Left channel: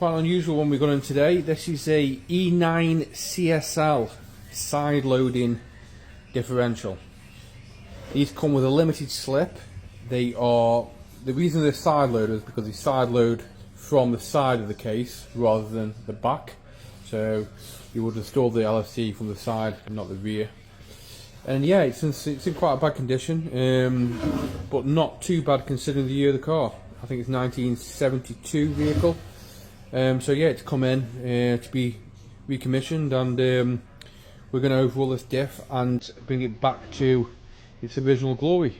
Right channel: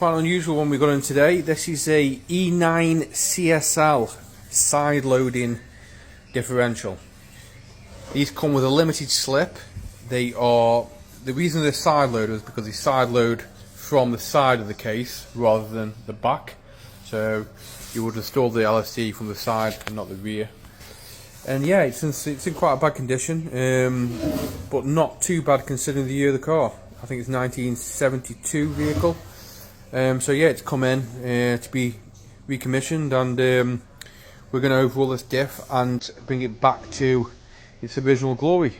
quite an unusual one we got in today. This is a E9 CSL side loading differential. These come with a limited slip. The reason they're side loaded is because they side load from the side of the case rather than the back. So you would install the LSD from the side and not the rear. And yeah, it's in quite a bad condition, but not too bad considering the year of the car. I think it's 1972 vehicle. So yeah, it's come in to be recommissioned, and we're going to overhaul this diff and bring it back to its original glory.